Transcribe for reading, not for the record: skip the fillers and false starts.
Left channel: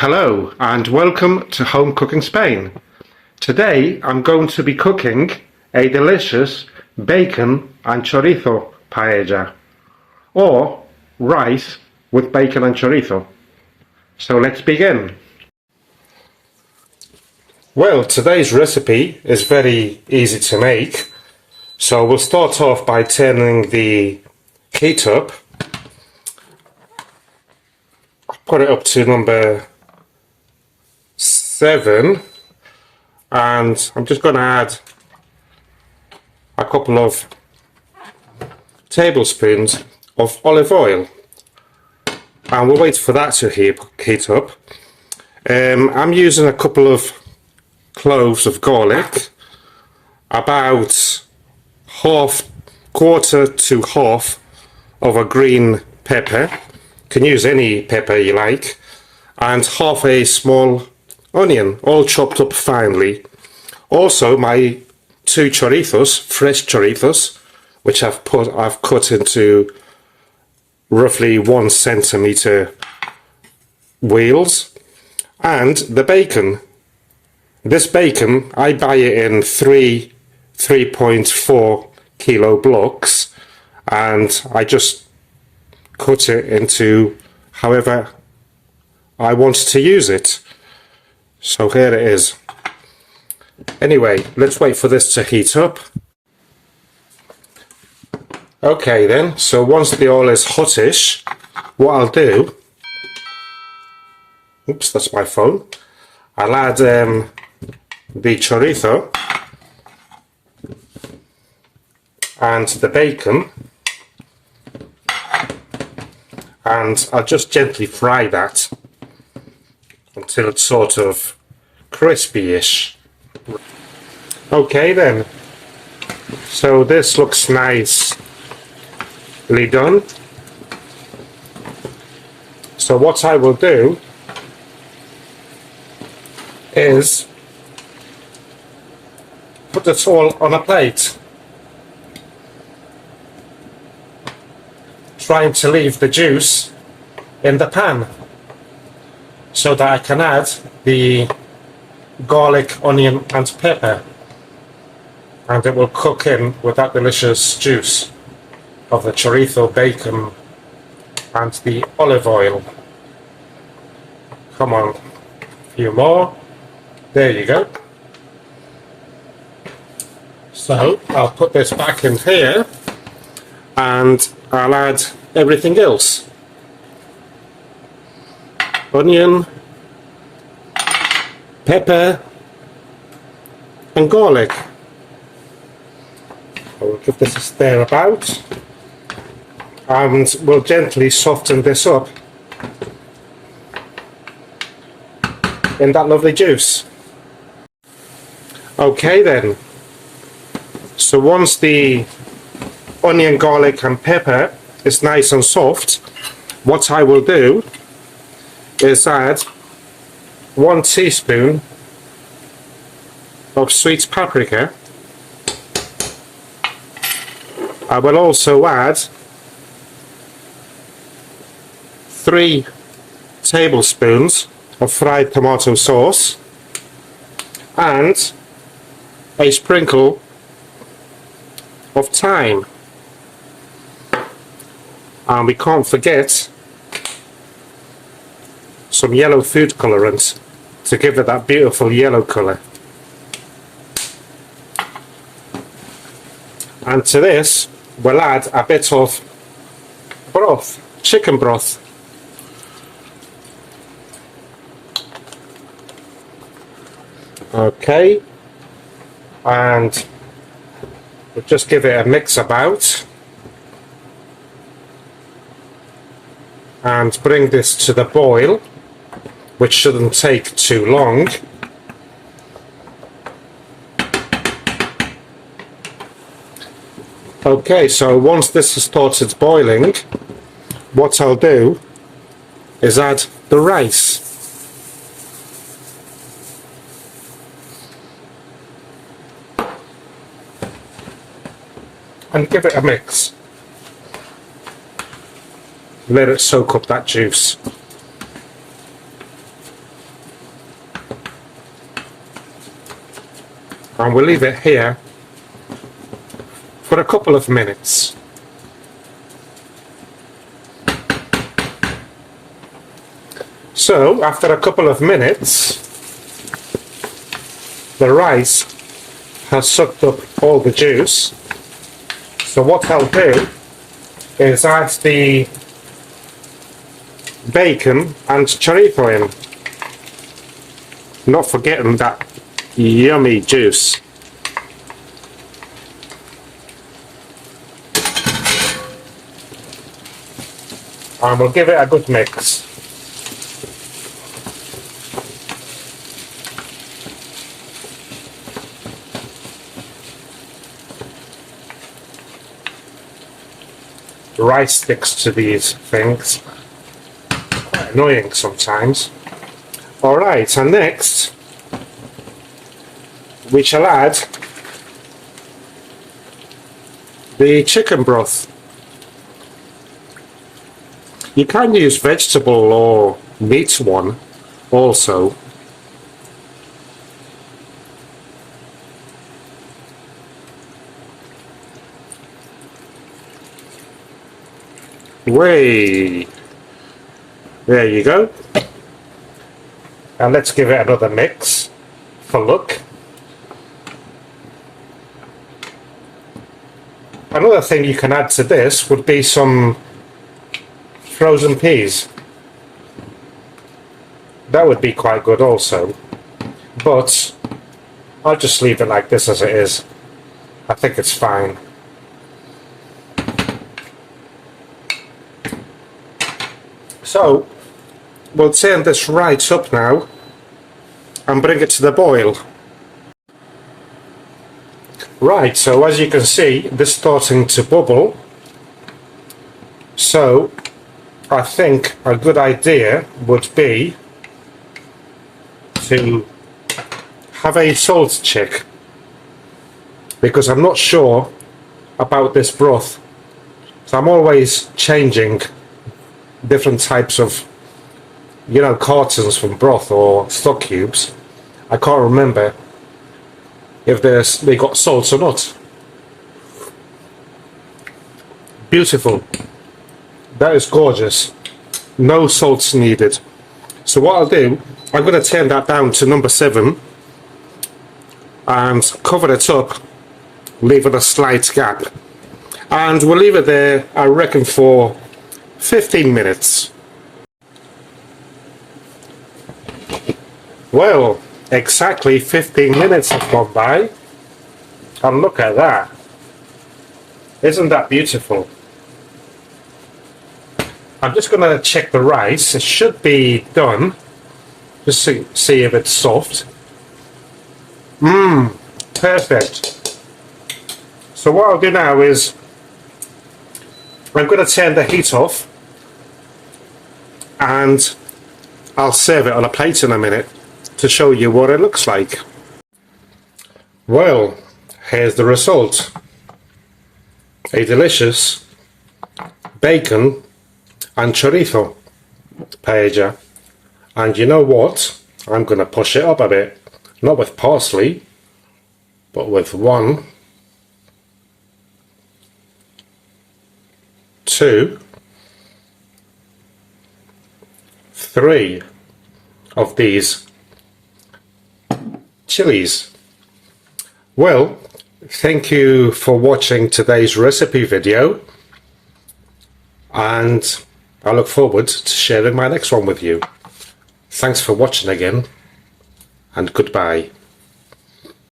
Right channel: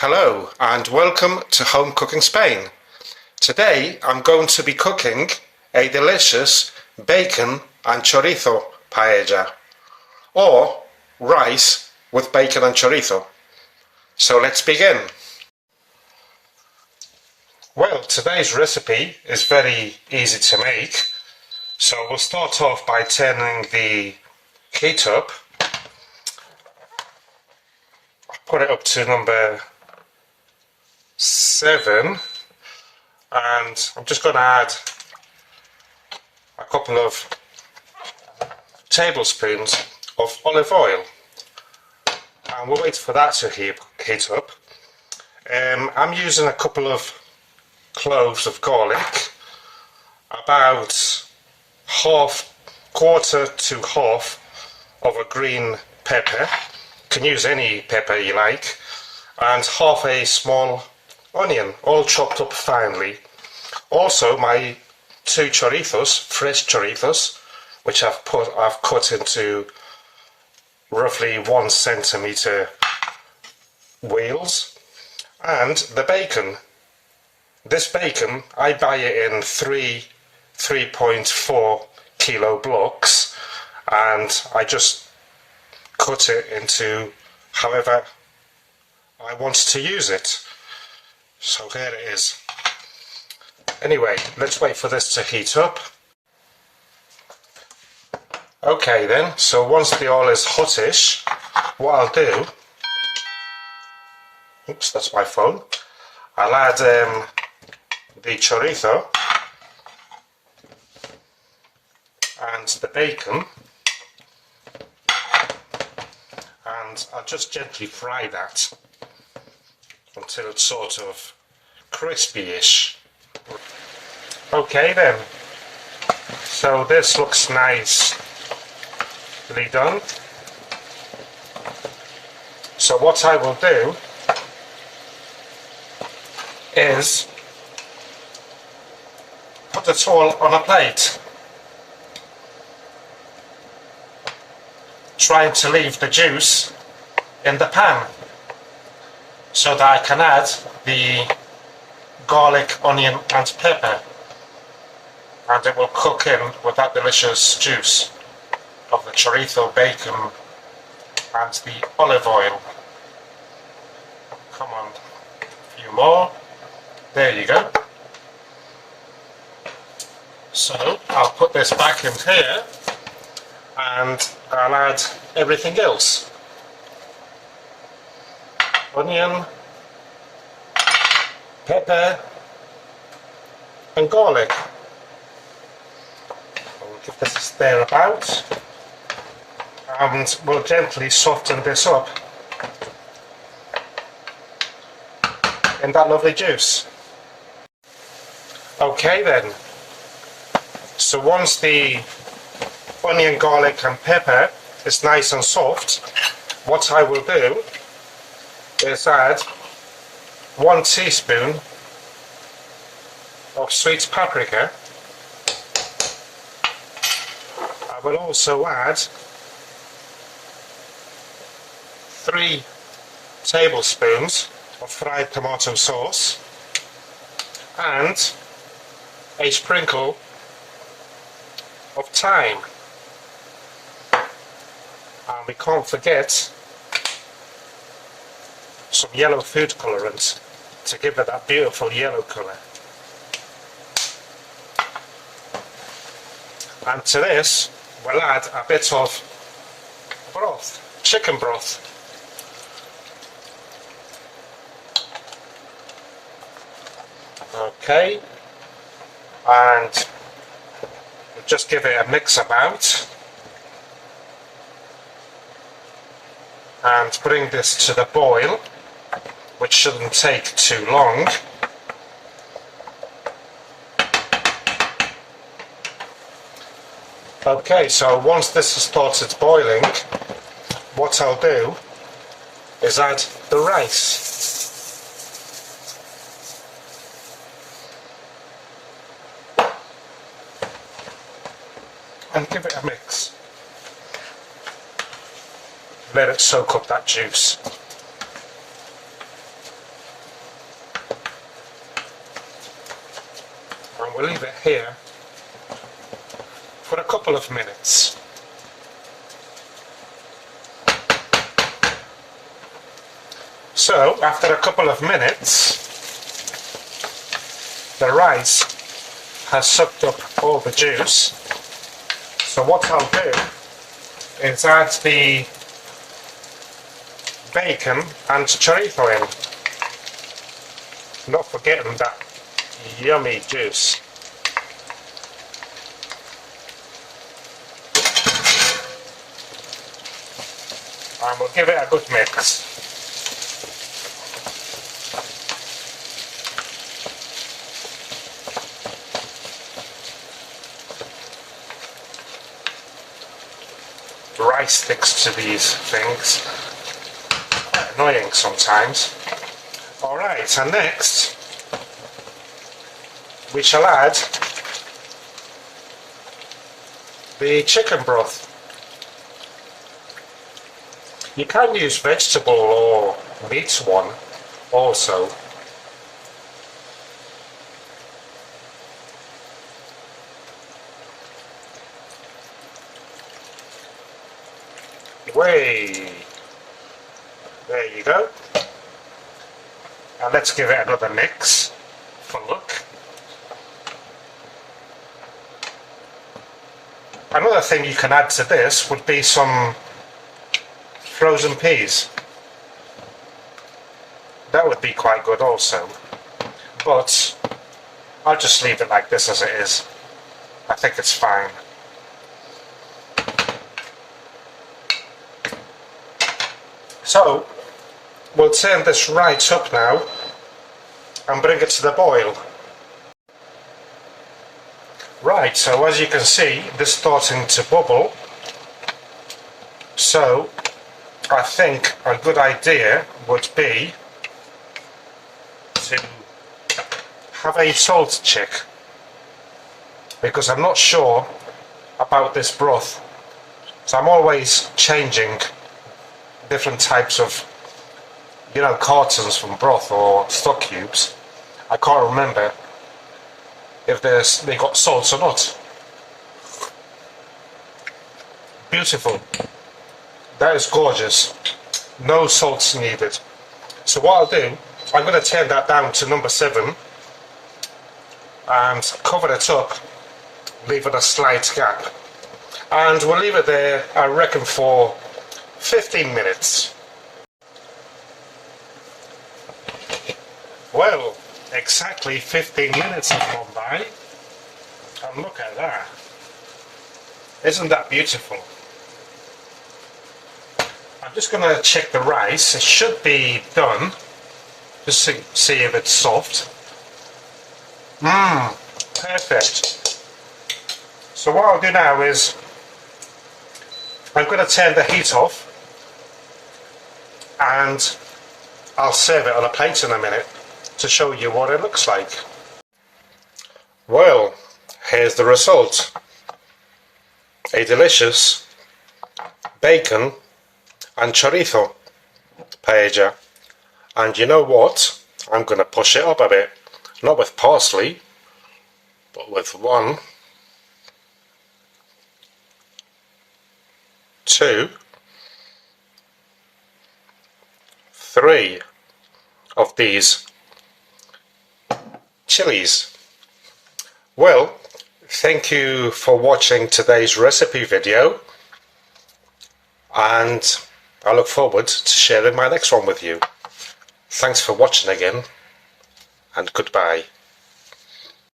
Hello and welcome to Home Cooking Spain. Today I'm going to be cooking a delicious bacon and chorizo paella, or rice with bacon and chorizo. So let's begin. Well, today's recipe is very easy to make. So we'll start off by turning the heat up. I've got it up to number 7, and I'm just going to add a couple of tablespoons of olive oil, and we'll wait for that to heat up. I'm using a couple of cloves of garlic, about quarter to half of a green pepper, you can use any pepper you like, and half a small onion, all chopped up finely. Also my 2 chorizos, fresh chorizos, which I've cut into roughly 1 centimeter wheels, and the bacon. This bacon, I buy it in 3.4 kilo blocks, and I just cut it into however I want to use it. So here it is. Anyway, let's wait for this to heat up. Okay then, so once the oil is hottish, what I'll do, oops, that's my phone, I'll add the chorizo and the bacon, and I'll just gently fry that until it's sort of crispy-ish. Okay then, so this looks nicely done. So what I will do is put this all on a plate, trying to leave the juice in the pan so that I can add the garlic, onion and pepper, and it will cook in with that delicious juice of the chorizo, bacon and the olive oil. Come on, a few more. There you go. So I'll put this back in here and I'll add everything else. Onion, pepper and garlic. I'll give this a stir about, and we'll gently soften this up in that lovely juice. Okay then, so once the onion, garlic and pepper is nice and soft, what I will do is add 1 teaspoon of sweet paprika. I will also add 3 tablespoons of fried tomato sauce and a sprinkle of thyme. And we can't forget some yellow food colourant to give it that beautiful yellow colour. And to this we'll add a bit of broth, chicken broth. Okay, and we'll just give it a mix about and bring this to the boil, which shouldn't take too long. Okay, so once this has started boiling, what I'll do is add the rice. And give it a mix. Let it soak up that juice. and we'll leave it here for a couple of minutes. So after a couple of minutes, the rice has sucked up all the juice. So what I'll do is add the bacon and chorizo in, not forgetting that yummy juice. And we'll give it a good mix. Rice sticks to these things. Quite annoying sometimes. Alright, and next we shall add the chicken broth. You can use vegetable or meat one also. Way, there you go. And let's give it another mix for look. Another thing you can add to this would be some frozen peas. That would be quite good also, but I'll just leave it like this as it is. I think it's fine. So we'll turn this right up now and bring it to the boil. Right, so as you can see, this is starting to bubble. So I think a good idea would be to have a salt check, because I'm not sure about this broth. So I'm always changing different types of, you know, cartons from broth or stock cubes. I can't remember if they got salt or not. Beautiful. That is gorgeous. No salts needed. So what I'll do, I'm going to turn that down to number 7 and cover it up, leaving a slight gap. And we'll leave it there, I reckon, for 15 minutes. Well, exactly 15 minutes have gone by, and look at that. Isn't that beautiful? I'm just going to check the rice. It should be done. Just see if it's soft. Perfect. So what I'll do now is I'm going to turn the heat off and I'll serve it on a plate in a minute to show you what it looks like. Well, here's the result. A delicious bacon and chorizo paella. And you know what? I'm going to push it up a bit. Not with parsley, but with 1, 2, 3 of these chilies. Well, thank you for watching today's recipe video, and I look forward to sharing my next one with you. Thanks for watching again, and goodbye.